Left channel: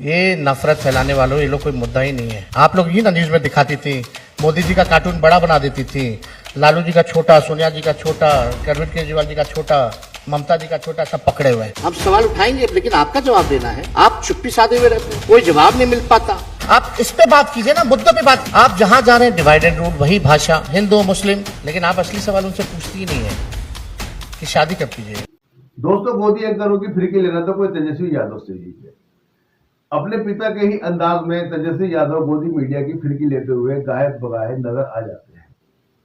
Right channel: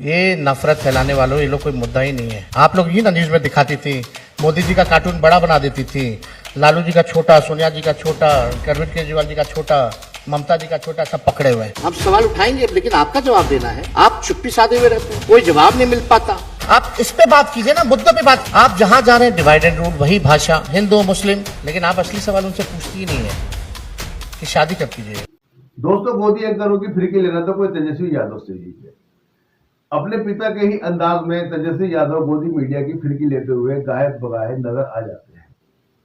ये नफरत फैलाने वालों, ये लोग कोई मुद्दा ही नहीं है। आप लोग ही ना न्यूज में दिखाती थी, मोदी जी का कार्टून बड़ा बना देती थी, लालू जी का छोटा, सोनिया जी का छोटा, अरविंद केजरीवाल जी का छोटा, ममता जी का छोटा, सब पकड़े हुए हैं। हम सवाल उठाएंगे, लेकिन आपका जवाब देना है। आप चुप्पी साधे हुए रहते हैं, कोई जवाब नहीं मिल पाता। आप इस पे बात कीजिए ना, मुद्दों पे बात। आप जहाँ जा रहे हैं डिवाइडेड रूल, वही भाषा, हिंदू मुस्लिम, लेकिन आप असली सवाल उनसे पूछती ही नहीं है कि शादी कब कीजिए। दोस्तों, मोदी एक करोड़ की फिरकी लेना तो कोई तेजस्वी यादव से ही है। अपने पिता के ही अंदाज में तेजस्वी यादव मोदी मीडिया की फिरकी लेते हुए गायब बगाए नजर आ जाते हैं।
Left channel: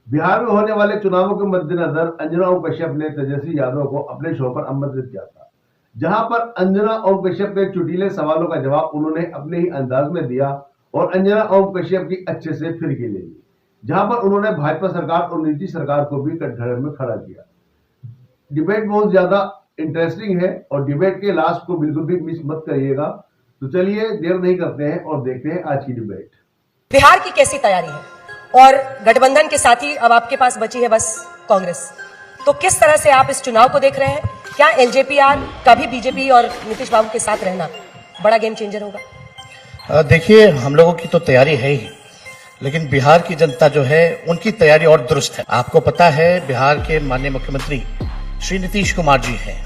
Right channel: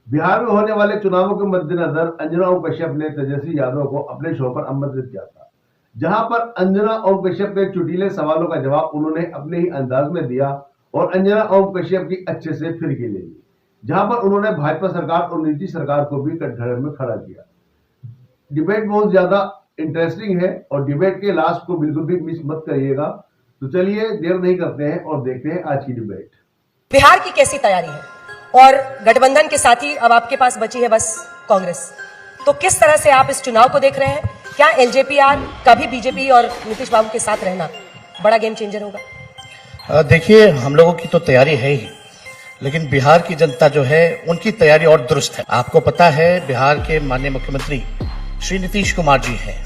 बिहार में होने वाले चुनावों के मद्देनजर अंजना ओम कश्यप ने तेजस्वी यादव को अपने शो पर आमंत्रित किया था, जहां पर अंजना ओम कश्यप के चुटीले सवालों का जवाब उन्होंने अपने ही अंदाज में दिया और अंजना ओम कश्यप की अच्छे से फिरकी ले ली, जहां पर उन्होंने भाजपा सरकार और नीतीश सरकार को भी कटघरे में खड़ा किया। डिबेट बहुत ज्यादा इंटरेस्टिंग है और डिबेट के लास्ट को बिल्कुल भी मिस मत करिएगा। तो चलिए देर नहीं करते हैं और देखते हैं आज की डिबेट। बिहार की कैसी तैयारी है और गठबंधन के साथ ही अब आपके पास बची है बस कांग्रेस, तो किस तरह से आप इस चुनाव को देख रहे हैं? क्या एलजेपीआर का भी बीजेपी और नीतीश बाबू के साथ रहना बड़ा गेम चेंजर होगा? देखिए, हम लोगों की तो तैयारी है ही, लेकिन बिहार की जनता जो है उनकी तैयारी और दुरुस्त है। आपको पता है, बिहार के माननीय मुख्यमंत्री श्री नीतीश कुमार जी है।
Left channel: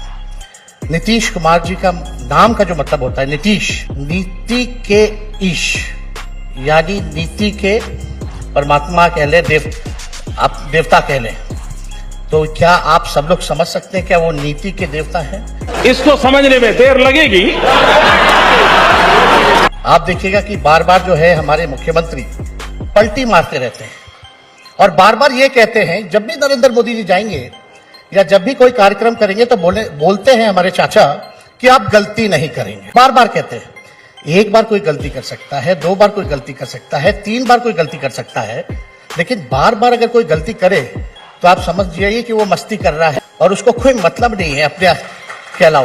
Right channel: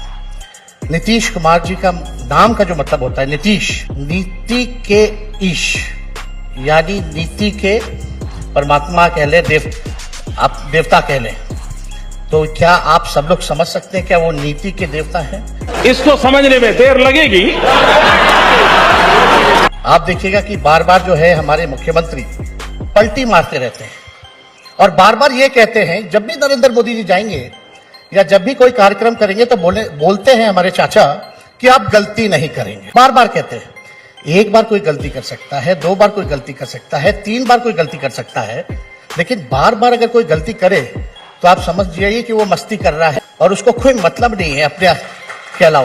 नीतीश कुमार जी का नाम का जो मतलब होता है नीतीश, नीति के ईश, यानी नीति के परमात्मा कह ले, आप देवता कह ले, तो क्या आप सब लोग समझ सकते हैं क्या वो नीति के देवता है? इसको समझने में देर लगेगी। आप देखिएगा कि बार बार जो है हमारे मुख्यमंत्री पलटी मारते रहते हैं और बार बार ये कहते हैं, जब भी नरेंद्र मोदी जी जाएंगे या जब भी कोई कार्यक्रम करेंगे तो बोलते हैं हमारे चाचा कि आप गलती नहीं करेंगे। बार बार कहते हैं। एक बार कोई गलती कर सकता है, दो बार कोई गलती कर सकता है, 3 बार कोई गलती कर सकता है, लेकिन बार बार अगर कोई गलती करे तो आप समझ जाइए कि वो मस्ती कर रहा है और उसको कोई मतलब नहीं है अपने कहना।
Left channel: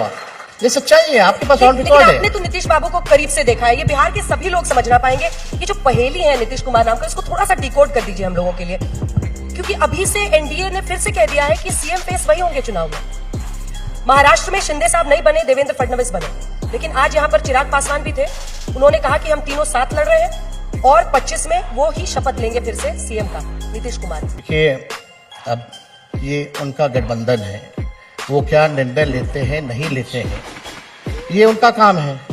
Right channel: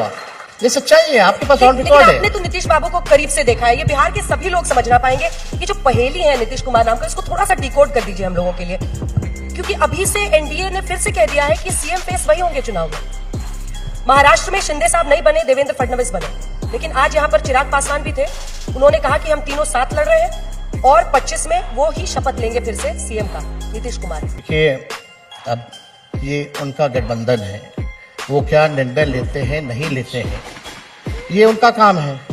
ये सच्चाई है, आपके पास और रिकॉर्ड है। आपने तो नीतीश बाबू को करीब से देखा है, ये बिहार के सभी लोग समझ ना पाएंगे कि जो पहेली है नीतीश कुमार नाम का, इसको थोड़ा सा डिकोड कर दीजिए हम लोगों के लिए। क्योंकि अभी से एनडीए ने फिर से कह दिया है कि सीएम फेस वही होंगे चुनाव में। महाराष्ट्र में शिंदे साहब नहीं बने, देवेंद्र फडणवीस बने, लेकिन आज यहाँ पर चिराग पासवान भी थे। उन्होंने कहा कि हम तीनों साथ लड़ रहे हैं और 25 में वो ही शपथ लेंगे फिर से सीएम का, नीतीश कुमार। देखिए, अब ये उनका गठबंधन है, वो क्या निर्णय लेते हैं नहीं लेते हैं, ये उनका काम है।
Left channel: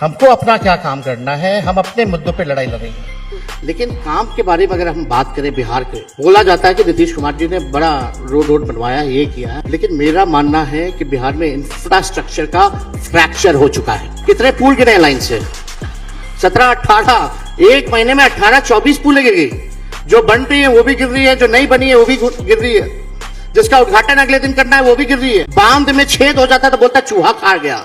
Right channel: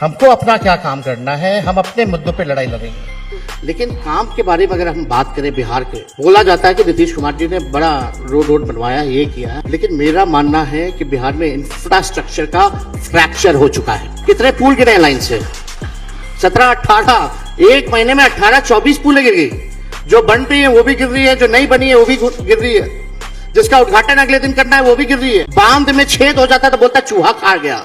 हमको अपना क्या काम करना है, हम अपने मुद्दों पे लड़ाई लड़ेंगे। लेकिन काम के बारे में अगर हम बात करें बिहार के, बोला जाता है कि नीतीश कुमार जी ने बड़ा रोड बनवाया, ये किया, लेकिन मेरा मानना है कि बिहार में इंफ्रास्ट्रक्चर का फ्रैक्चर हो चुका है। कितने पुल गिरे लाइन से? 17-18, एक महीने में 18-24 पुल गिर गई। जो बन रही है वो भी गिर रही है, जो नहीं बनी है वो भी गिर रही है, जिसका उद्घाटन अगले दिन करना है वो भी गिर रही है। बांध में छेद हो जाता है तो बोलता चूहा खा गया।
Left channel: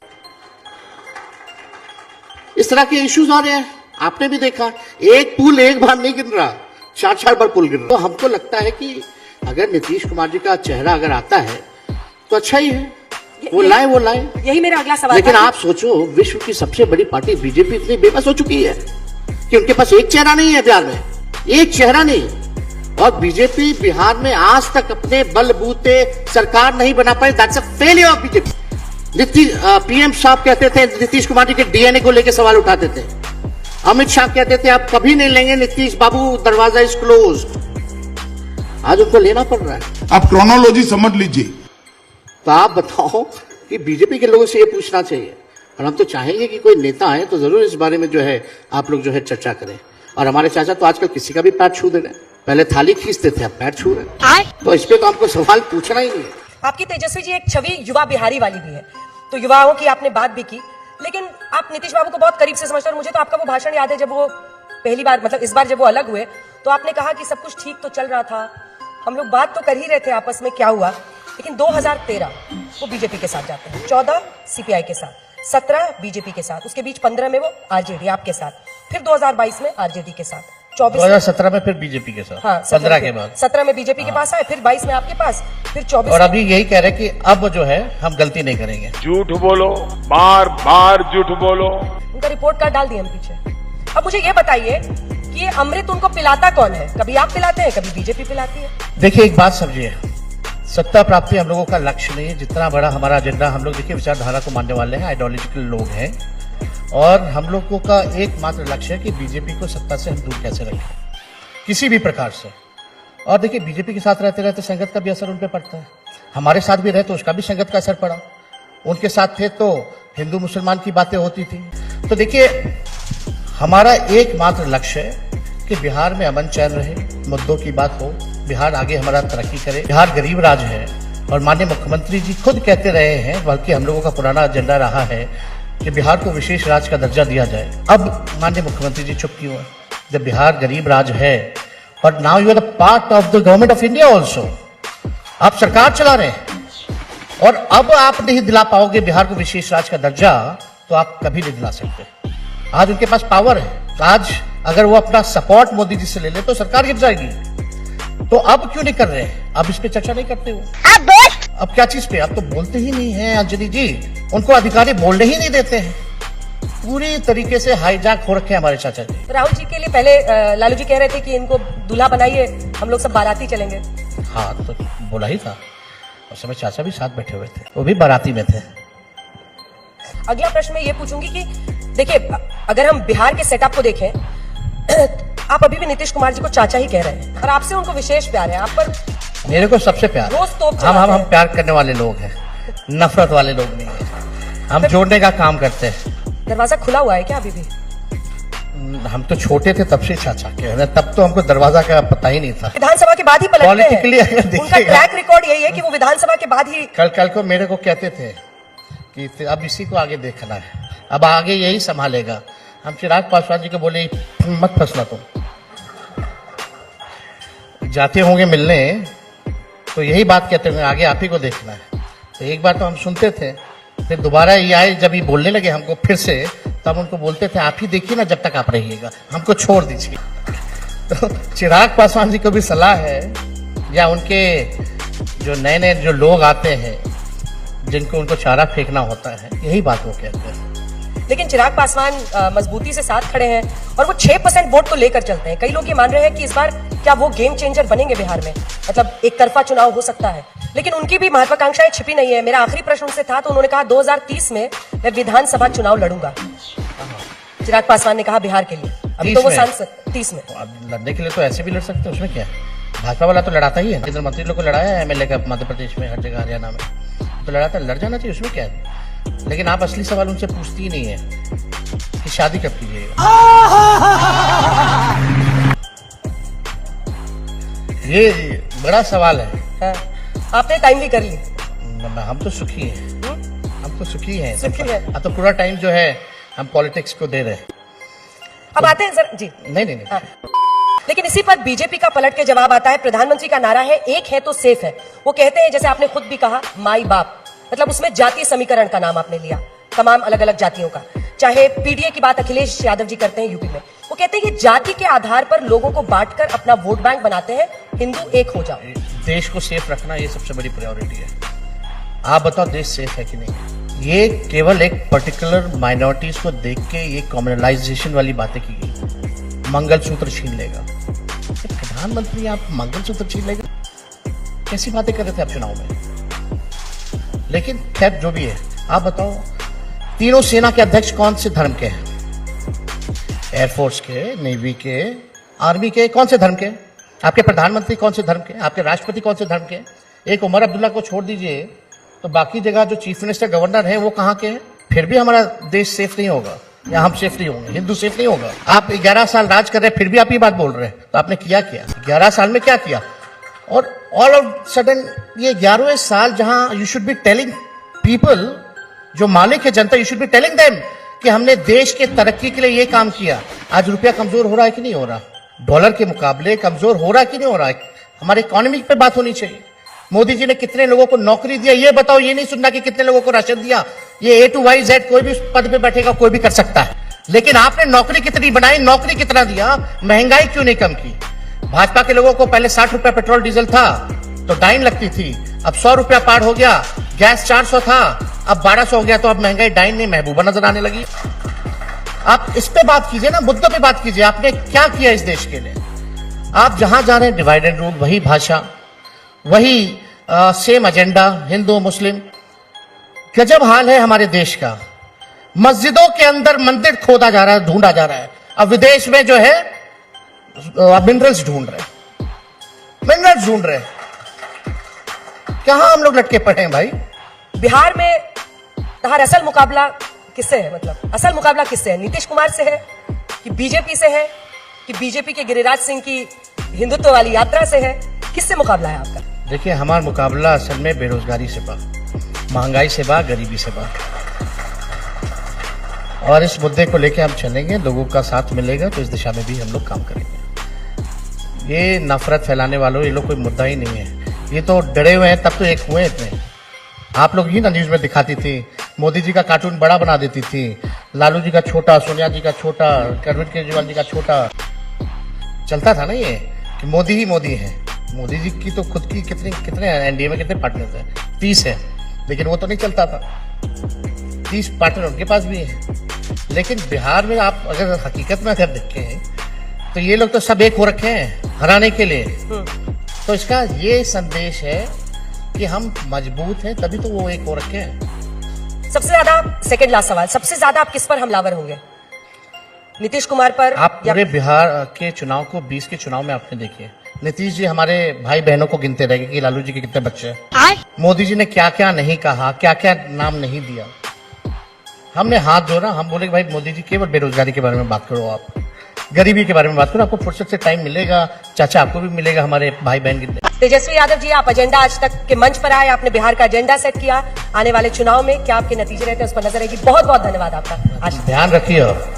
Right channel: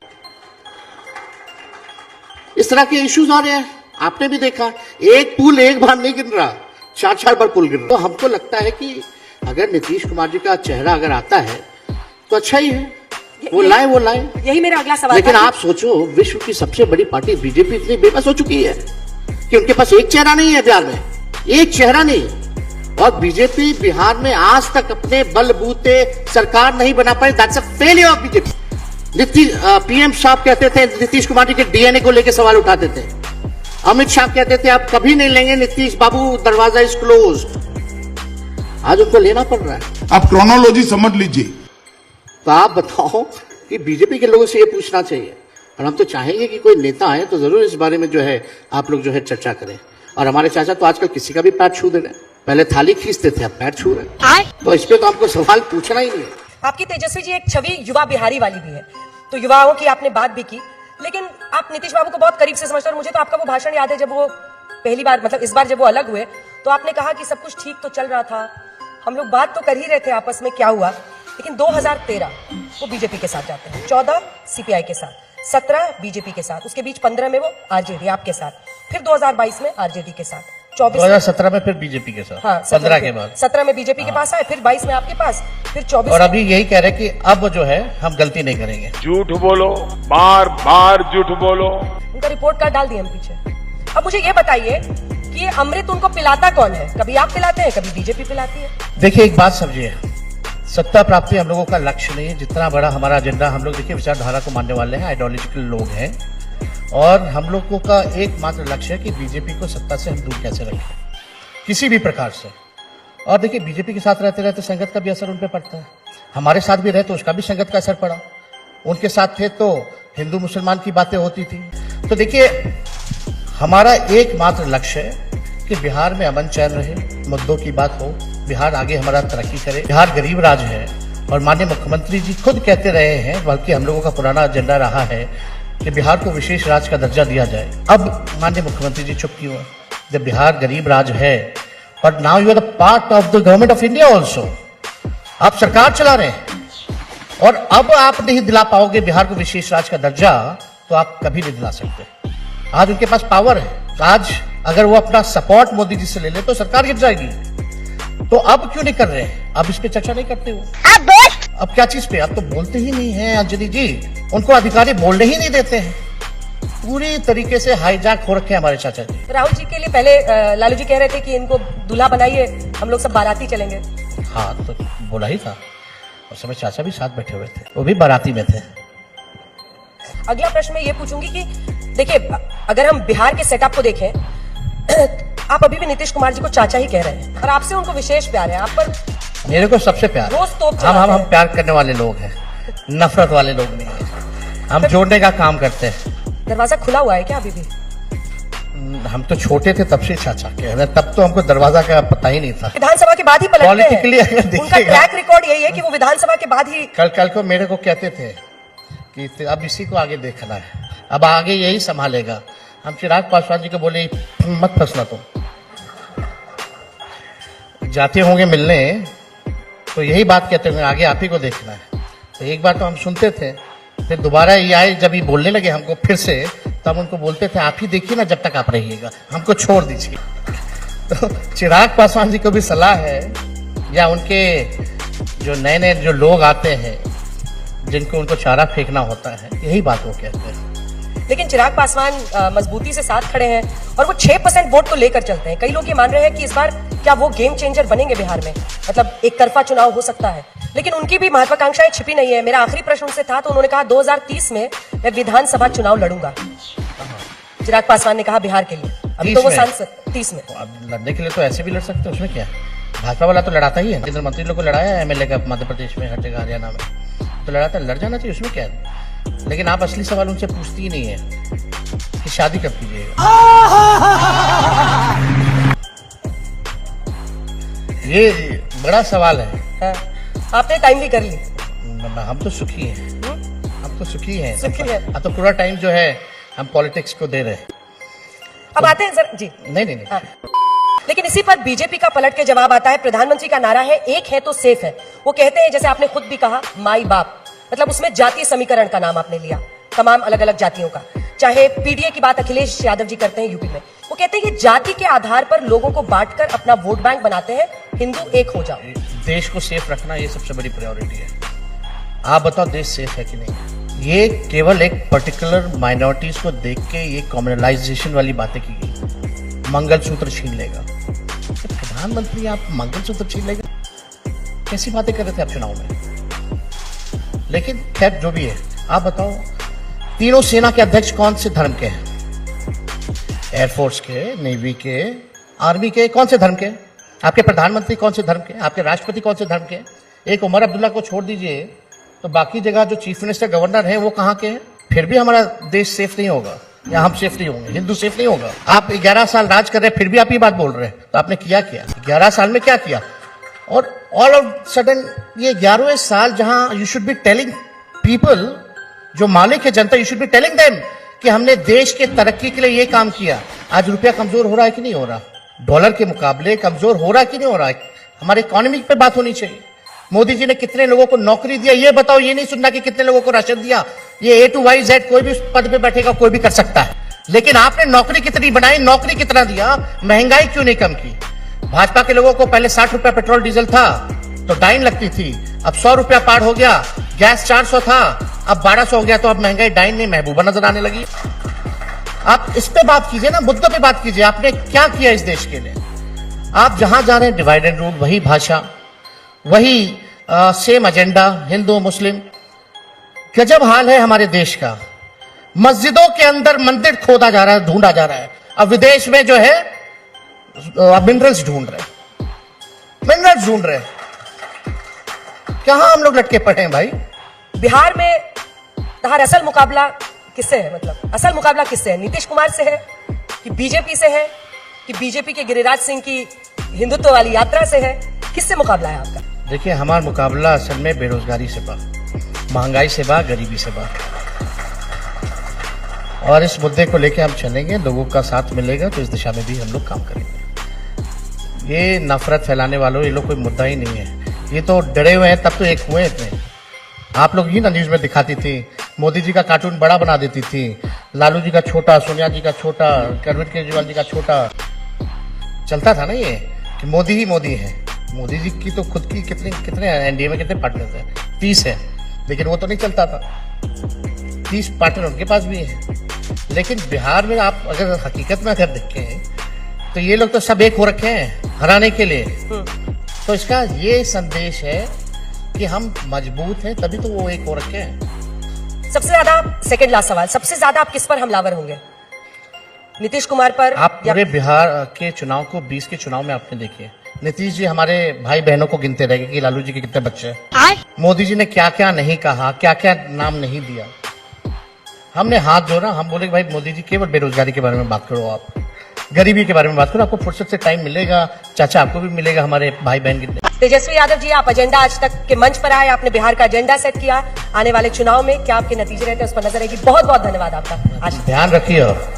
इस तरह के इश्यूज आ रहे हैं, आपने भी देखा। एक पुल एक बार नहीं गिर रहा, 4 बार पुल गिर रहा। तो हमको लगता है कि अगर नीतीश कुमार जी का चेहरा अगर आता है तो अच्छा ही है, वो लाए। यही मेरा अगला सवाल। लेकिन आप सोचो, विश्व की सबसे बड़ी पार्टी बीजेपी इतनी बेबस हो चुकी है कि उनके पास एक चेहरा नहीं है बिहार में, एक चेहरा नहीं। और बीजेपी बिहार में आज तक अपने बलबूते सरकार नहीं बना पाई। That's a failure of BJP. PM साहब कहते थे नीतीश कुमार जी के डीएनए को लेकर सवाल उठाते थे। अमित शाह कहते थे आप कभी नहीं लेंगे नीतीश बाबू, दरवाजा इज क्लोज। आज उसको लेना पड़ रहा है। आप क्रोनोलॉजी समझ लीजिए। तो आप बताओ कि बीजेपी के लोगों से ये पूछना चाहिए, और हम तो चाहेंगे कि कोई नेता आए तो जरूर इस बारे में जो है आप लोग जो है चर्चा करें। और हमारे चाचा तो आजकल किसी का भी पैर छू दे रहे, पहले थाली खींचते थे, अब पैर छू रहे। तो इस पे तो आपको सवाल पूछना ही नहीं। आपकी तेजस्वी जी एक छवि युवा बिहारी वाली भी है, तो युवाओं की आपने बात भी की, लेकिन आप नीतीश बाबू को बहुत करीब से समझते हैं। और मुझे तो आपका वो भाषण याद है जब वो पहली बार, मतलब इस बार जब वो अलग हुए, तो आपने कहा कि सब कुछ ठीक तो चल रहा था, हम लोग बात तो कर ही रहे थे आपस में क्या हुआ। लेकिन 2013 बीजेपी के साथ जाते हैं, 14 सीपीआई के साथ, 17 बीजेपी के साथ, उसके बीच 15 में वो आरजेडी आपके साथ, फिर 2022 में आरजेडी के साथ, 2017 में फिर बीजेपी के साथ, हाँ 15 के बाद 17 में बीजेपी के पास आए, फिर 22 में आपके पास, फिर 24। और अभी यही कह रहे कि अब जो है हम गलती नहीं करेंगे। झूठ बोलो, बार बार झूठ बोलो। उनका रिपोर्ट कार्ड डाल दिया हम पीछे। अब मुझे ये बताइए कि अमृत उनको पिलाता कौन है? कभी आप पिलाते हैं, कभी बीजेपी पिलाती है। देखिए, एक बात समझिए, सत्ता प्राप्ति हम लोगों का लक्ष्य नहीं है। जितना बड़ा हमारा एजेंडा, हम लोग देखिए विचारधारा को मानने वाले हैं, आइडियोलॉजिकल लोग हैं, और हम लोगों का एकमात्र लक्ष्य है कि बीजेपी को सत्ता से हम दूर कैसे रखें किसी भी प्रकार से। और देखिए, बीजेपी के साथ रहते रहते संगत का भी असर उन पर पड़ता है, हमारे साथ भी रहते उसका भी संगत का असर पड़ा, उनके साथ थे तो हिंदू मुसलमान की बातें होती थी। तो देखिए, हमारा एकमात्र लक्ष्य है कि बिहार में अमन चैन रहे, मुद्दों की बात हो, बिहार आगे हमारा तरक्की करे। बिहार गरीब राज्य है और माननीय मुख्यमंत्री जी खुद कहते रहे हैं, बल्कि हम लोगों का पुराना एजेंडा रहा है कि बिहार को विशेष राज्य का दर्जा दिया जाए। अब माननीय मुख्यमंत्री जी चुप क्यों है? जब बिहार गरीब राज्य है, पर now you are part of the government of India also, आप सरकार चला रहे हैं और अब आप नहीं दिला पाओगे बिहार को विशेष राज्य का दर्जा, तो आप कभी नहीं दिला सकते। आज उनके पास पावर है, आज अगर वो अपना सपोर्ट मोदी जी से ले ले तो सरकार गिर जाएगी। तो अब क्यों नहीं कर रहे हैं? अब इस पे चर्चा नहीं करते हो। अब क्या चीज पे? आप तो बोलते ही नहीं है अंजलि जी, उनको अधिकारी बोलने ही नहीं देते हैं। पूरी तरीके से हाईजैक हो रखे हमारे चाचा जी। राहुल जी के लिए पहले लालू जी कह रहे थे कि इनको दूल्हा बनाइए, हम लोग सब बाराती चलेंगे। हाँ, तो बोला ही था, उस समय चाचा भी साथ बैठे हुए थे, वो भी बाराती में थे। अगला प्रश्न मैं ये पूछूंगी कि देखिए, अगर हम बिहार के सेटअप को देखें, आप अभी भी नीतीश कुमार जी को चाचा ही कह रहे हैं और आपसे उनको विशेष प्यार है। आप पर मेरे को सबसे प्यार, रोज तो हम प्यार करने वाले लोग हैं, नफरत वाले लोग नहीं। हम जोड़ने का काम करते हैं। दरवाजा खुला हुआ है क्या अभी भी? हम तो छोटे थे तब से चाचा कह रहे, तब तो हमको दरवाजा का पता ही नहीं था। विधानसभा के बाद ही पलटते हैं। पॉलिटिकली उनका ट्रैक रिकॉर्ड यही है कि वो विधानसभा के बाद ही। कल को मेरे को कहते थे कि अब इसी को आगे देखना है, अब आगे यही संभालेगा। हम चिराग पासवान जी को बोले मत फंसना, तो जाते होंगे मिलने तो यही बात कहते थे, आगे आप ही को देखना है। तो एक बार तो हम सुनते थे, फिर दोबारा ये आए, जब ये बोलने लगे हमको फिर से, तब उनको बोलते थे आप ही देखिए ना जब तक आप रहिएगा, हमको छोड़ दीजिए। तो चिराग पासवान जी को भी सलाह है, या उनके जो नए नए जो लोग आते हैं जिनको उनको चारा फेंकना होता है, यही बात वो कहते हैं। लेकिन चिराग पासवान मजबूती से साथ खड़े हैं और वो 6% वोट को लेकर चलते हैं। कई लोग ये मान रहे हैं कि इस बार क्या वो गेम चेंजर बनेंगे बिहार में, मतलब एक तरफा चुनाव हो सकता है। लेकिन उनकी भी महत्वाकांक्षाएं छिपी नहीं है। मेरा आखिरी प्रश्न उनसे था, तो उन्होंने कहा 2030 में मैं विधानसभा चुनाव लड़ूंगा। चिराग पासवान ने कहा बिहार के लिए, अब तो वो सांसद 30 में लड़ने के लिए तो ऐसे भी लड़ सकते, उसमें क्या? भाजपा वाला तो लड़ाता ही है, केंद्रीय मंत्री लोग को लड़ाया है, एमएलए का मध्य प्रदेश में, हर जगह हरियाणा में तो लड़ाता, लड़ जाना चाहिए, उसमें क्या है? लेकिन आप असली सवाल उनसे पूछती ही नहीं है कि शादी कब कीजिएगा। ये बड़ा सवाल है। आपने टाइम भी करी। हम तो सुखी हैं, हम तो सुखी हैं। तो पूरा टाइम जो है हम पॉलिटिक्स को दे रहे हैं। हम आते हैं सर जी। नहीं। हाँ। लेकिन इसी पर बीजेपी का पलट के जवाब आता है। प्रधानमंत्री का नारा है एक है तो सेफ है। वो कहते हैं, जैसे आपने खुद भी कहा, माई बाप, मतलब उसमें जाति समीकरण का नाम आपने लिया, तमाम अलग अलग जातियों का। चाहे पीडीए की बात अखिलेश यादव जी करते हैं यूपी में, वो कहते हैं कि जाति के आधार पर लोगों को बांटकर अपना वोट बैंक बनाते हैं, हिंदू एक हो जाओ। देश को सेफ रखना ये सबसे बड़ी प्रायोरिटी है। आप बताओ देश सेफ है कि नहीं? ये केवल एक पर्टिकुलर माइनॉरिटीज को देख के ये कॉम्युनलाइजेशन वाली बातें की गई। मंगलसूत्र छीन लेगा, प्रधानमंत्री आप मंगलसूत्र छीन लेंगे, कैसी बातें कर रहे थे आप चुनाव में? लेकिन खैर जो भी है, आप बताओ तीनों सेना के अध्यक्ष कौन से धर्म के हैं? एयरफोर्स के, नेवी के, आर्मी के, कौन से धर्म के? आपके प्रधानमंत्री कौन से धर्म के? आपके राष्ट्रपति कौन से धर्म के? एक उमर अब्दुल्ला को छोड़ दीजिए, तो बाकी जगह जो चीफ मिनिस्टर, गवर्नर है, वो कहाँ के हैं? फिर भी हमारा देश सेफ नहीं होगा, या हम सेफ नहीं होंगे, हिंदू सेफ नहीं होंगे। आप 11 साल राज कर रहे हैं, फिर भी आप ये बात बोल रहे हैं, तो आपने किया क्या? 11 साल में क्या किया? और ऑल ऑफ सडन ये 11वें साल जहां you should be telling people, जो मालिक है जनता, you should be telling them कि हमने देश के तरक्की के लिए ये काम किया। आज रुपया कमजोर हो रहा है कि नहीं हो रहा? डॉलर के मुकाबले कमजोर हो रहा है कि नहीं हो रहा है? हमारे इकोनॉमी पे बात होनी चाहिए। मोदी जी ने कितने लोगों को नौकरी दिया, ये बताओ। ये नहीं सुनना कि कितने लोगों को राशन दिया। ये A to Y Z कोई भी पद पे बैठेगा, कोई भी कर सकता है। लेकिन आपने नौकरी कितनी बढ़ाई, नौकरी कितना दिया, महंगाई क्यों नहीं कम की? भाजपा के लोगों को पहले 60 रुपया पेट्रोल डीजल था तो टाइम लगती थी, अब 100 रुपया पार हो गया। गैस 400 था, अब 1200 हो गया, तो अब महंगाई टाइम नहीं महबूबा नजर आने लगी। आप इस पे बात कीजिए ना, मुद्दों पे बात कीजिए। आपने क्या किया इस देश के लिए? आप जहां जा रहे हैं डिवाइडेड रूल, वही भाषा, वही सेम एजेंडा, हिंदू मुस्लिम। गजब हाल है हमारे देश का। मस्जिदों के अंदर मंदिर खोदा जा रहा है, ढूंढा जा रहा है। अब विदेश में जो है मिनरल्स ढूंढ रहे हैं, मिनरल्स ढूंढ रहे हैं। कहां हम लोग लटके पड़े हैं भाई? बिहार में बाहर असल मुकाबला किससे है? मतलब असल मुकाबला किससे है? नीतीश कुमार से है कि बीजेपी से है कि बीजेपी के गिरिराज सिंह की हिंदुत्व वाली यात्रा से है? किससे मुकाबला है आपका? देखिए, हमारा मुकाबला असल में बेरोजगारी से बा, महंगाई से बा, गरीबी से बा। और इस मुद्दे को लेकर हम चलेंगे, लोगों का साथ मिलेगा, जिस दिशा में भी हम लोग काम करेंगे। ये नफरत फैलाने वालों, ये लोग कोई मुद्दा ही नहीं है। ये तो डरे हुए हैं, तब तो एक हुए थे। आप लोग ही ना न्यूज में दिखाती थी, मोदी जी का कार्टून बड़ा बना देती थी, लालू जी का छोटा, सोनिया जी का छोटा, अरविंद केजरीवाल जी का छोटा। चलता था ना ये कि मोदी ही मोदी है। मोदी जी की तो खुद की कितने एनडीए में कितने पार्टनर्स हैं? 30 है, लेकिन वो तो नहीं चलता था। 30 पार्टनर उनके पास भी है। लेकिन बिहार में आप अगर हकीकत में अगर देखें तो ये लोग तो सब एक हो रखे हैं हराने के लिए। तो इसका ये संदेश है कि हम मजबूत हैं, तभी तो वो एक हो रखे हैं। सबसे ज्यादा, सेकंड लास्ट सवाल, सबसे ज्यादा आप किस पर हमलावर होंगे? नीतीश कुमार पर? आप पूरे बिहार के चुनाव को 20 के चुनाव में आपने देखे, नीतीश जी हमारे भाई बहनों को गिनते रहेंगे कि लालू जी के कितने बच्चे हैं, मोदी जी ने क्या क्या नहीं कहा, क्या क्या नाम नहीं दिया। हमने हाथ जोड़ा, हम बोले भाई मोदी जी केवल बेरोजगारी के बारे में बात करो, आप गरीबी के बारे में बात करो, आपको फुर्सत से टाइम मिलेगा, चाचा आपको भी मिलेगा, हमारे भाई बहन की। तेजस्वी यादव जी, आप एजेंडा आज तक के मंच पर आए, आपने बिहार का एजेंडा सेट किया, आने वाले चुनाव में क्या आपके नतीजे हैं, उस पर नजर रखिए। बहुत बहुत ध्यान रखिए।